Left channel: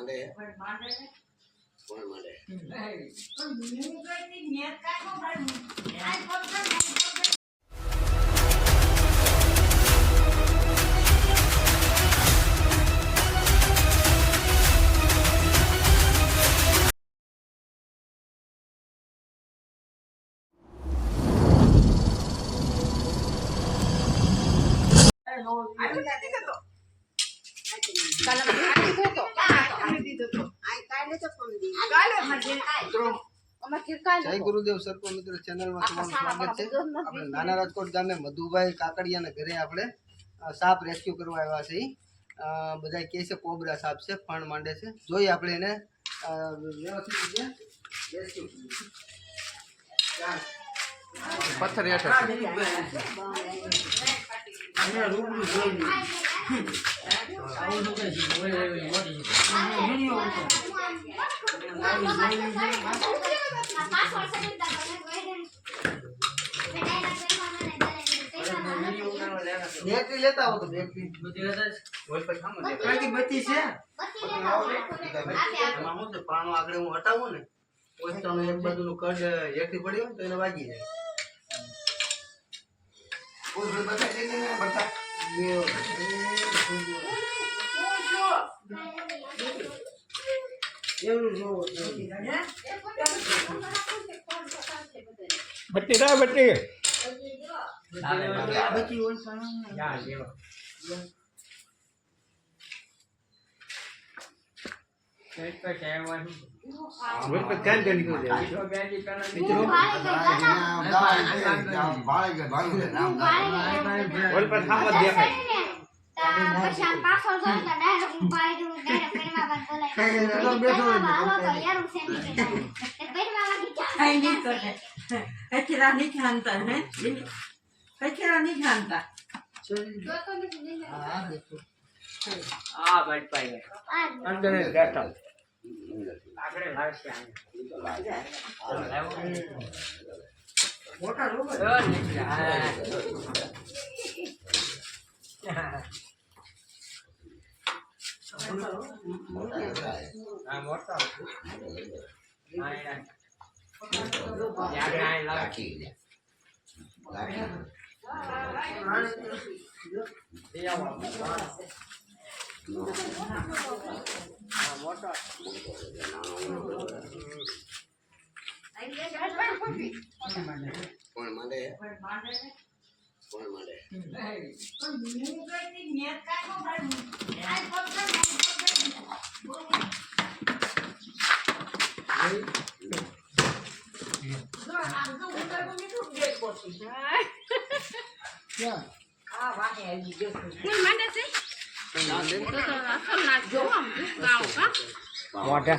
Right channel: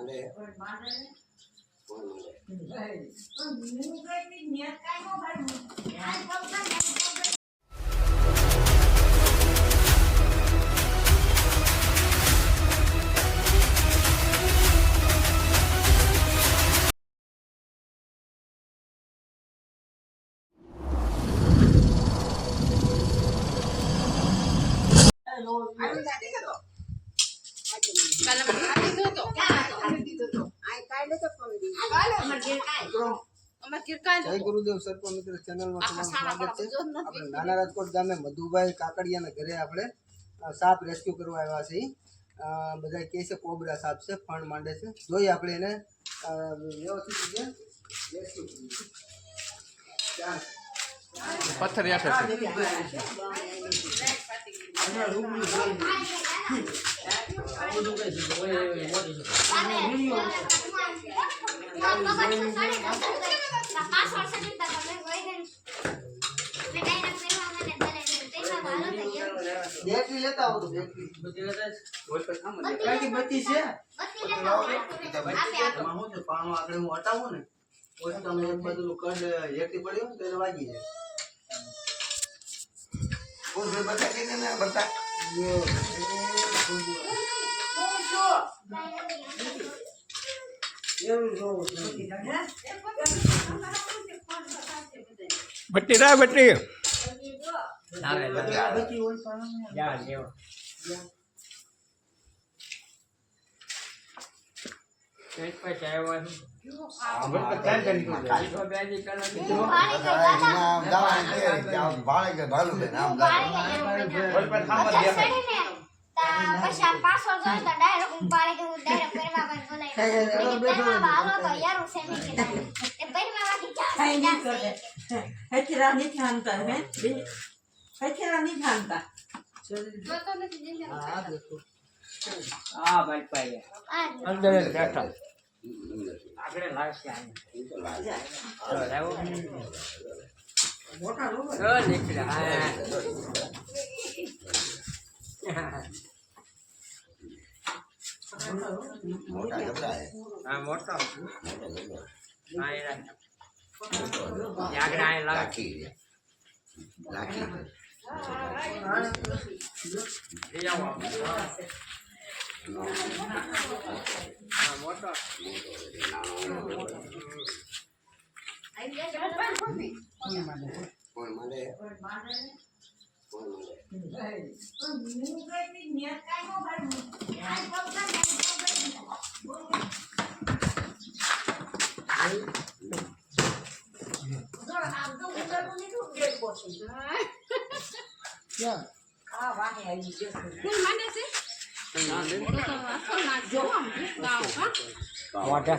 માંડે કોણ માંડે જય ગુરુદેવ સરકો મિત્રો ચેનલમાં તમારું સ્વાગત છે। આપણે નાના રાજકોટ ગામે મધુભાઈ કાકડિયાના ઘરે આપણે સાપ રેસ્ક્યુ કરવા આવ્યા છે। બધા કહે છે કોબરા સાપ છે, ફણ માંડે છે, જોઈએ આપણે એને વ્યવસ્થિત રીતે રેસ્ક્યુ પથ્થર બેટરી લેતા આવો તો બેટરી બધી લેતા હોય પર થામ દે કારણ કે બત્તી છે એમાં હું તો પાણો આગળ હું હટાવું ને ઓય તમે એક બાજુનું કડ હેઠી પડ્યો તો એને વાગી જાય ઓ બે બતા દે ને બતા એવું જો બટ્ટી રા બટ્ટી બત્તી ઓય પાણો જા લેવો કઈ પાસે આવ્યા છે બોલ પર ધ્યાન દે નીકળ જાય જો બેજી પેલા મિત્રો બોલ પર થામ દેખાય પછી પાછો જો તો ડાયરેક્ટ પાડી દઉં ડાયરેક્ટ પેરવા પર બોલાય હાલો તો યાર ઉસે ની એ પેરવા વાળી Hay đi rồi đấy. Hay kia ra đi khăn tận đấy. Hay kia ra đi khăn tận. હા દેખો આ ભાઈ પાઈ અંદર બેઠો આગળ લાવશે આને લાવો Motor luôn. નીકળે હા મોટો આ યાર ના લાખી મોટો કોણ માંડે કોણ માંડે મોટા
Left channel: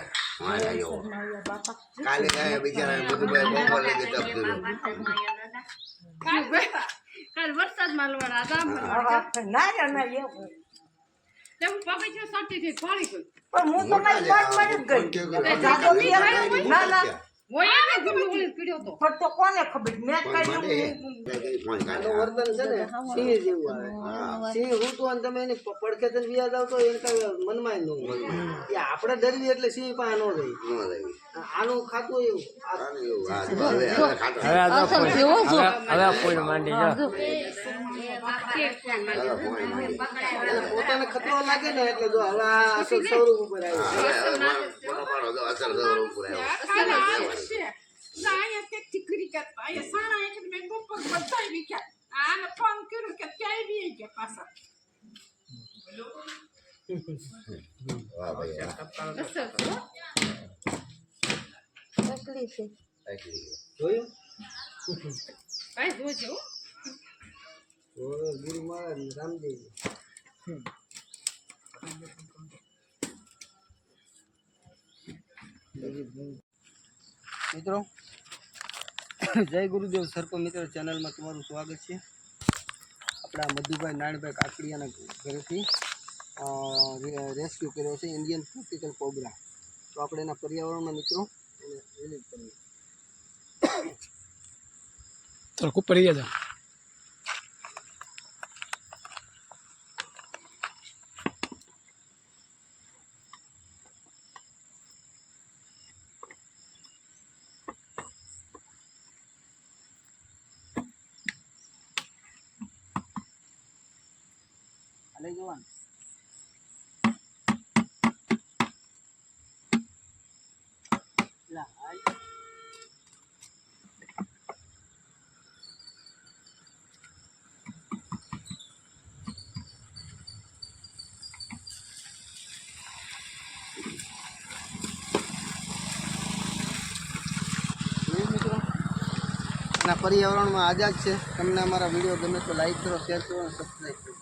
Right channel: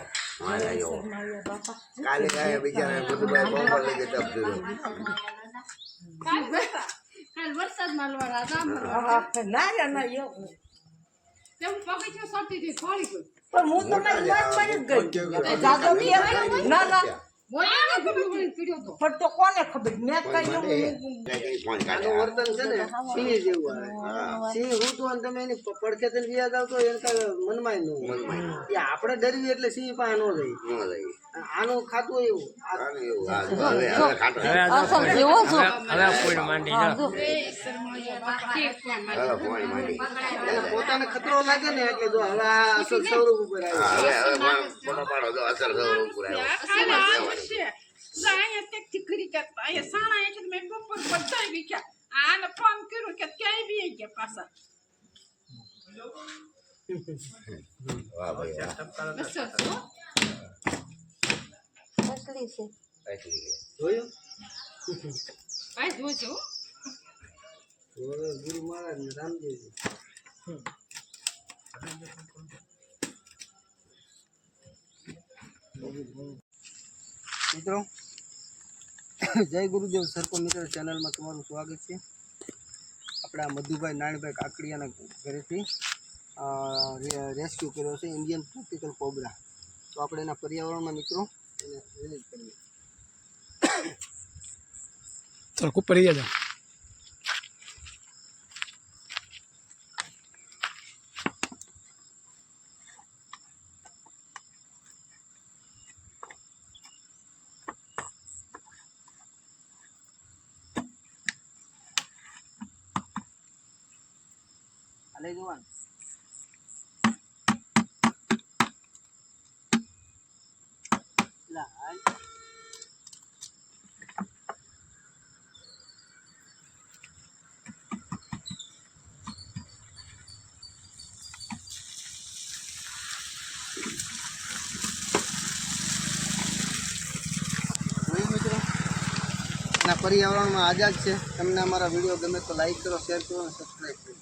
કાલે ગયા બિચારા બધું બોલ લઈ જતા કાલ વરસાદમાં લોડા હતા ના યાર ના એ તેમ પગથિયું સટીથી ફળી ગયું પણ હું તમારી વાત માં જ ગઈ જાદો ના ના હોય ને ગમલું પીડ્યો તો પણ તો કોને ખબર મેં કઈ આનું વર્તન છે ને સિંહ જેવું આવે સિંહ હું તો તમે એની પડખે થઈને વ્યાજ આવતો એને કઈ મનમાં ન હોય એ આપણે ડરવી એટલે સિંહ પાસે ન જાય આનું ખાતું એવું હવે કોઈ માંડી લો એને પોતાને ખતરો લાગે ને એટલે જો હવે આ અસલ સ્વરૂપ ઉપર આવ્યો અહીંયા ટેકથી કરી કરતા અહીંયા સાણા છે મેં બપોર બધા વિખ્યા આને ફોન કર્યો કે ક્યાંય બી ગયા પાછા વાહ ભાઈ જોયું ભાઈ જોજો ગુરુ મહારાજ ને રામદેવજી મિત્રો જય ગુરુદેવ સરકો મિત્રો ચેનલમાં તમારું સ્વાગત છે। આપણા મધુભાઈ નાણભાઈ કાકડિયાના ઘરેથી રેસ્ક્યુ કર્યો છે ઇન્ડિયન ટ્રોપિકલ કોબરા। તો આપણે એના પર્યાવરણમાં મિત્રો એને રિલીઝ કરીએ તો ઉપર ગયા લઈ જવાનું લાલ મિત્રો અને પર્યાવરણમાં આઝાદ છે. તમને અમારા વિડીયો ગમે તો લાઈક કરો, શેર કરો અને સબસ્ક્રાઈબ કરો.